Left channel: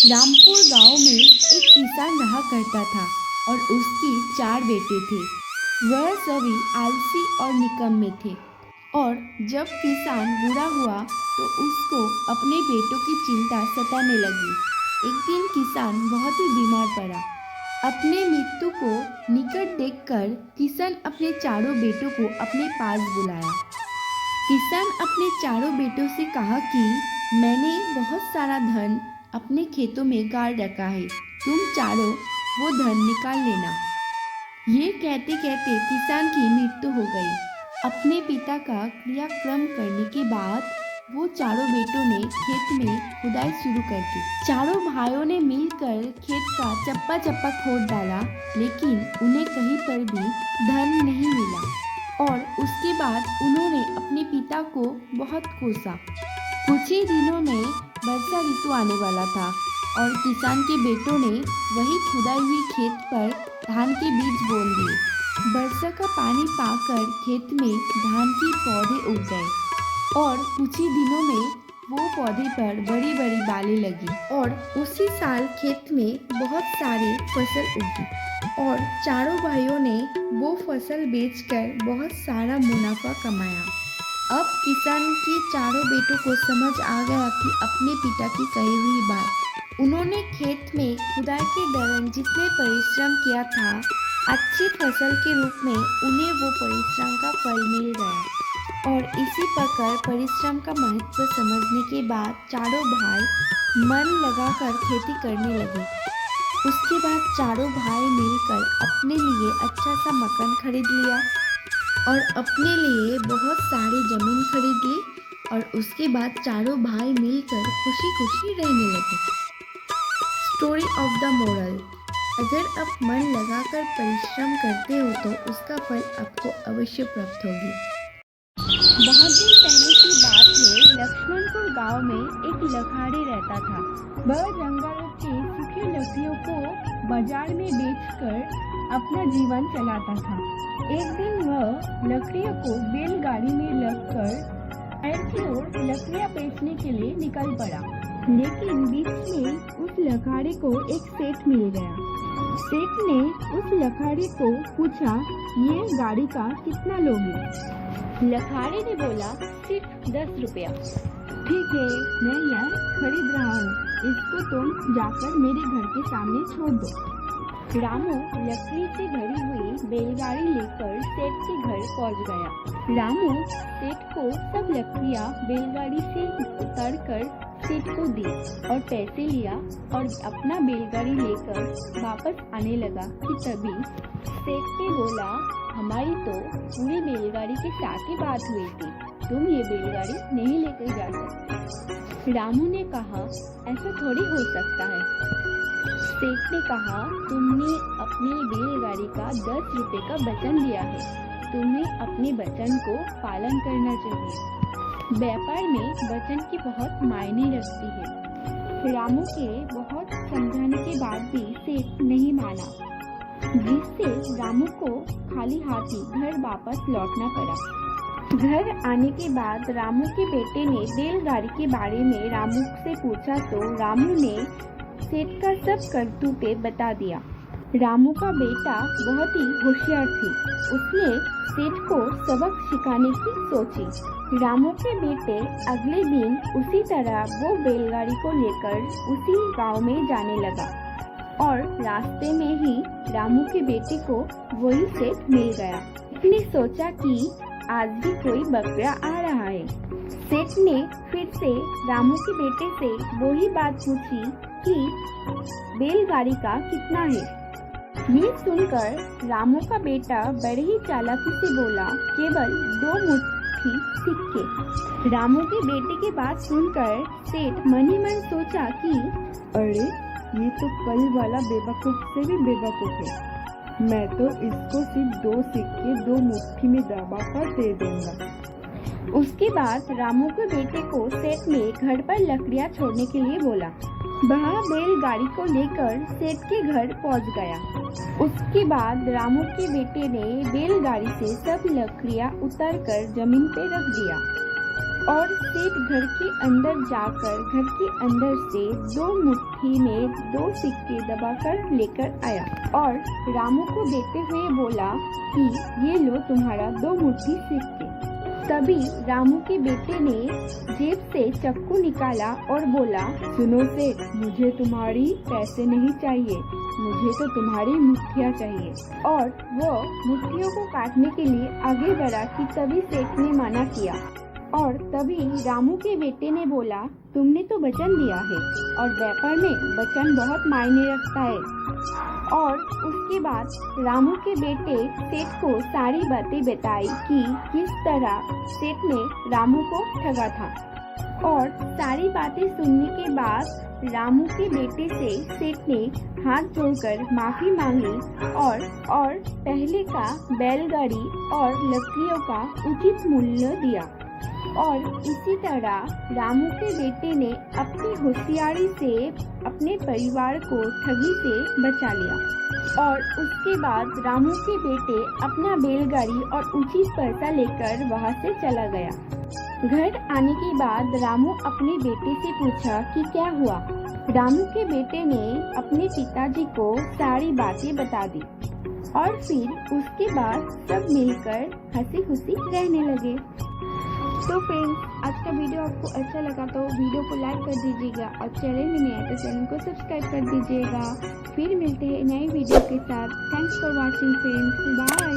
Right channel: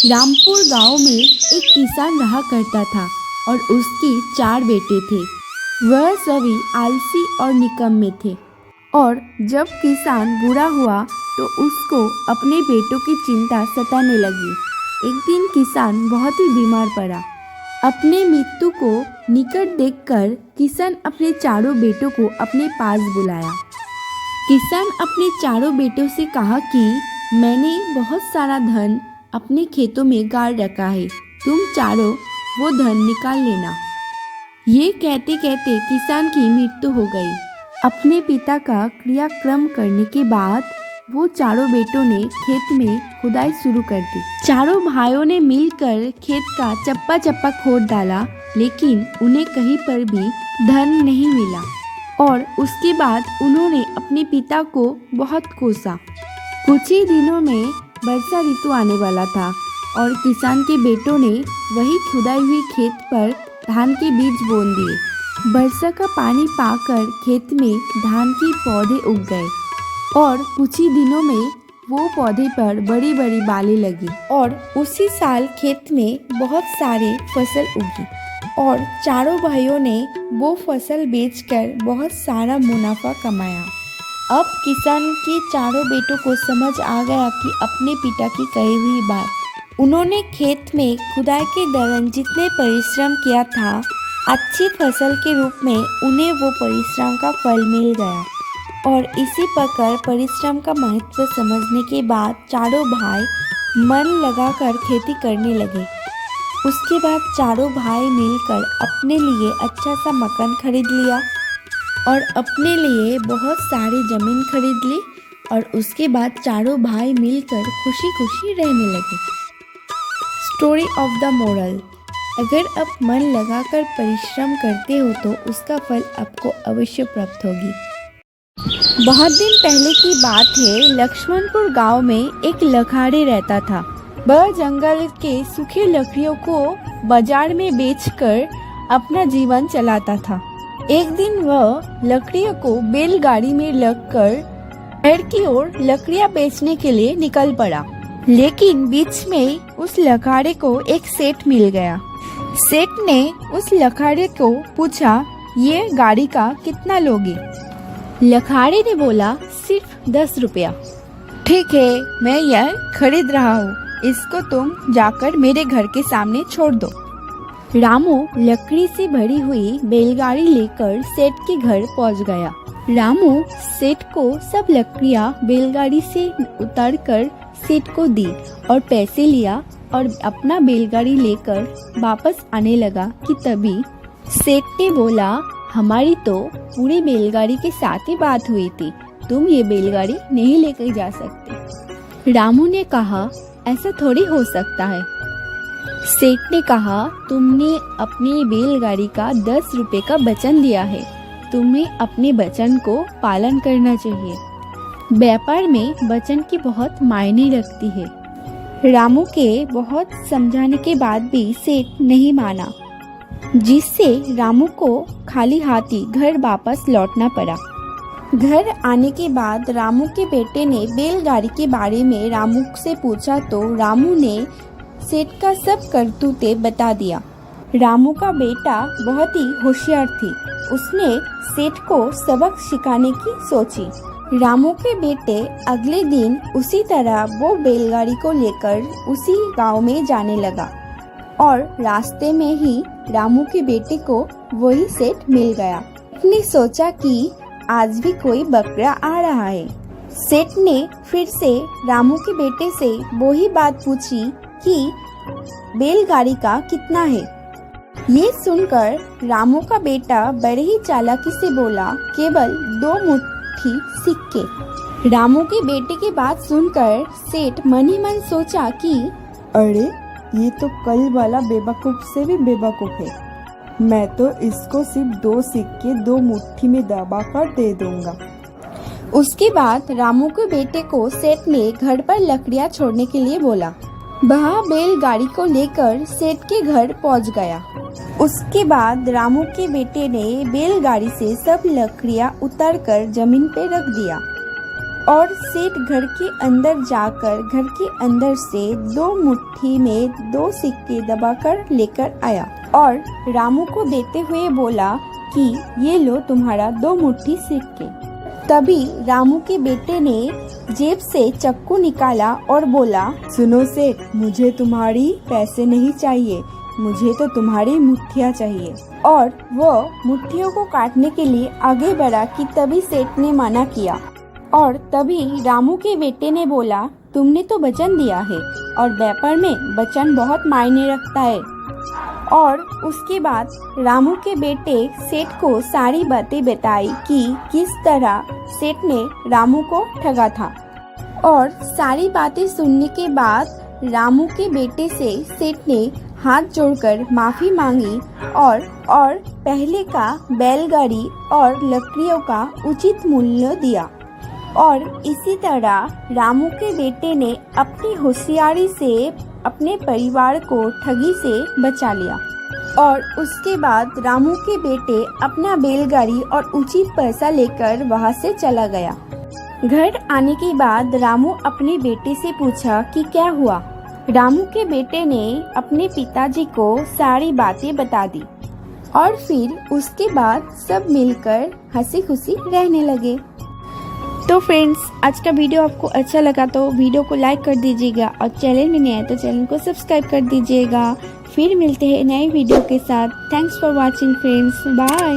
रामपुर गांव में एक किसान रहा करता था और उसके 4 बेटे थे। वह सभी आलसी और निकम्मे थे और जब किसान बूढ़ा हुआ तो उसको अपने बेटों की चिंता सताने लगी। एक दिन किसान बहुत ही बीमार पड़ा। अपने मृत्यु को निकट देखकर किसान अपने चारों बेटों को अपने पास बुलाया। किसान अपने चारों बेटों से कहा कि मैंने बहुत सारा धन अपने खेतों में गाड़ रखा है, तुम चारों वो धन निकाल लेना। ये कहते कहते किसान की मृत्यु हो गई। अपने पिता का क्रियाक्रम करने के बाद वो चारों बेटों ने खेत में खुदाई शुरू कर दी। चारों भाइयों ने मिलकर खेत का चप्पा चप्पा खोद डाला, लेकिन उन्हें कहीं पर भी धन नहीं मिला और उसके बाद उन्होंने अपने पिता को बहुत कोसा। कुछ ही दिनों में वर्षा ऋतु आने वाला था और किसान के बेटों ने वही खुदाई हुई खेत पर धान के बीज बो दिए। वर्षा का पानी पाकर खेत में धान के पौधे उग गए और कुछ ही दिनों में वो पौधे पर बड़ी बड़ी बालें लगी और उसी साल खेत में बहुत सारी फसल उगी और चारों भाइयों ने वो फसल बेचकर बहुत सारा मुनाफा कमाया। अब किसान के चारों बेटों को समझ आ गया कि अपने पिता की कही हुई बात। उन्होंने खेत में खुदाई के दौरान जितने परिश्रम किया था, अच्छी फसल के रूप में उन्हें वो परिश्रम का फल मिल गया और इसी प्रकार परिश्रम का महत्व समझने के बाद चारों भाई मन लगाकर खेती करने लगे। उसके बाद चारों भाई मिलकर अपने लिए अच्छा सा मकान खरीद लिया और अपने लिए बहुत सारी ज़मीन खरीद ली और उसके बाद चारों भाई मिलकर खुशी खुशी रहने लगे। स्टोरी ऑफ द मोरल: अगर आप मन लगाकर परिश्रम करते हो तो उसका फल आपको अवश्य प्राप्त होगी। बहुत दिन पहले की बात है। लक्ष्मणपुर गांव में एक लखाड़ी रहता था। वह जंगल के सूखे लकड़ियों को बाजार में बेचकर अपना जीवन चलाता था। एक दिन वह लकड़ियों को बैलगाड़ी में लगकर शहर की ओर लकड़ियां बेचने के लिए निकल पड़ा, लेकिन बीच में उस लखाड़े को एक सेठ मिल गया। सेठ ने उस लखाड़े को पूछा, ये गाड़ी का कितना लोगे? लखाड़े ने बोला, सिर्फ 10 रुपया। ठीक है, मैं यह खरीद रहा हूँ, इसको तुम जाकर मेरे घर के सामने छोड़ दो। रामू लकड़ी से भरी हुई बैलगाड़ी लेकर सेठ के घर पहुंच गया। रामू सेठ को सब लकड़ियां बैलगाड़ी से उतारकर सेठ को दी और पैसे लिया और अपना बैलगाड़ी लेकर वापस आने लगा कि तभी सेठ ने बोला, हमारी तो पूरी बैलगाड़ी के साथ ही बात हुई थी, तुम ये बैलगाड़ी नहीं लेकर जा सकते। रामू ने कहा, ऐसा थोड़ी हो सकता है। सेठ ने कहा, तुमने अपनी बैलगाड़ी का 10 रुपए का वचन दिया है, तुम्हें अपने वचन को पालन करना चाहिए। व्यापार में वचन की बहुत मायने रखती है। रामू के बहुत समझाने के बाद भी सेठ नहीं माना, जिससे रामू को खाली हाथी घर वापस लौटना पड़ा। घर आने के बाद रामू के बेटे ने बैलगाड़ी के बारे में रामू से पूछा तो रामू ने सेठ का सब करतूते बता दिया। रामू का बेटा बहुत ही होशियार थी। उसने सेठ को सबक सिखाने की सोची। रामू के बेटे अगले दिन उसी तरह वो बैलगाड़ी को लेकर उसी गांव में जाने लगा और रास्ते में ही रामू के बेटे को वही सेठ मिल गया। उसने सोचा कि आज भी कोई बकरा आ रहा है। सेठ ने फिर से रामू के बेटे से वही बात पूछी कि बैलगाड़ी का कितना है। ये सुनकर रामू का बेटा बड़े ही चालाकी से बोला, केवल 2 मुट्ठी सिक्के। रामू के बेटे की बात सुनकर सेठ मन ही मन सोचा कि अरे, ये तो कल वाला बेवकूफ से भी बेवकूफ है। मैं तो इसको सिर्फ 2 सिक्के 2 मुट्ठी में दबा कर दे दूंगा। उसके बाद रामू के बेटे को सेठ ने घर पर लकड़ियां छोड़ने के लिए बोला। वह बैलगाड़ी को लेकर सेठ के घर पहुंच गया। उसके बाद रामू के बेटे ने बैलगाड़ी से सब लकड़ियां उतारकर जमीन पे रख दिया और सेठ घर के अंदर जाकर घर के अंदर से 2 मुट्ठी में 2 सिक्के दबाकर लेकर आया और रामू को देते हुए बोला कि ये लो तुम्हारा 2 मुट्ठी सिक्के। तभी रामू के बेटे ने जेब से चाकू निकाला और बोला, सुनो सेठ, मुझे तुम्हारी पैसे नहीं चाहिए, मुझे तो तुम्हारी मुट्ठियाँ चाहिए। और वो मुट्ठियों को काटने के लिए आगे बढ़ा कि तभी सेठ ने मना किया। और तभी रामू के बेटे ने बोला, तुमने तो वचन दिया है और व्यापार में वचन बहुत मायने रखता है। और उसके बाद रामू के बेटे सेठ को सारी बातें बताई कि किस तरह सेठ ने रामू को ठगा था। और सारी बातें सुनने के बाद रामू के बेटे से सेठ ने हाथ जोड़कर माफी मांगी और पहले का बैलगाड़ी और लकड़ियों का उचित मूल्य दिया। और इसी तरह रामू के बेटे ने अपनी होशियारी से अपने परिवार को ठगी से बचा लिया। और उसके बाद रामू के बेटे अपना बैलगाड़ी और उचित पैसा लेकर वहां से चला गया। घर आने के बाद रामू अपने बेटे से पूछा कि क्या हुआ। रामू के बेटे ने अपने पिताजी को सारी बातें बता दी और फिर उसके बाद सब मिलकर हंसी खुशी रहने लगे। तो फ्रेंड्स, आज का वीडियो आपको अच्छा लगा तो वीडियो को लाइक कर दीजिएगा और चैनल में नए हैं तो चैनल को सब्सक्राइब कर दीजिएगा। फिर मिलते हैं नए वीडियो के साथ। Thanks for watching friends, bye.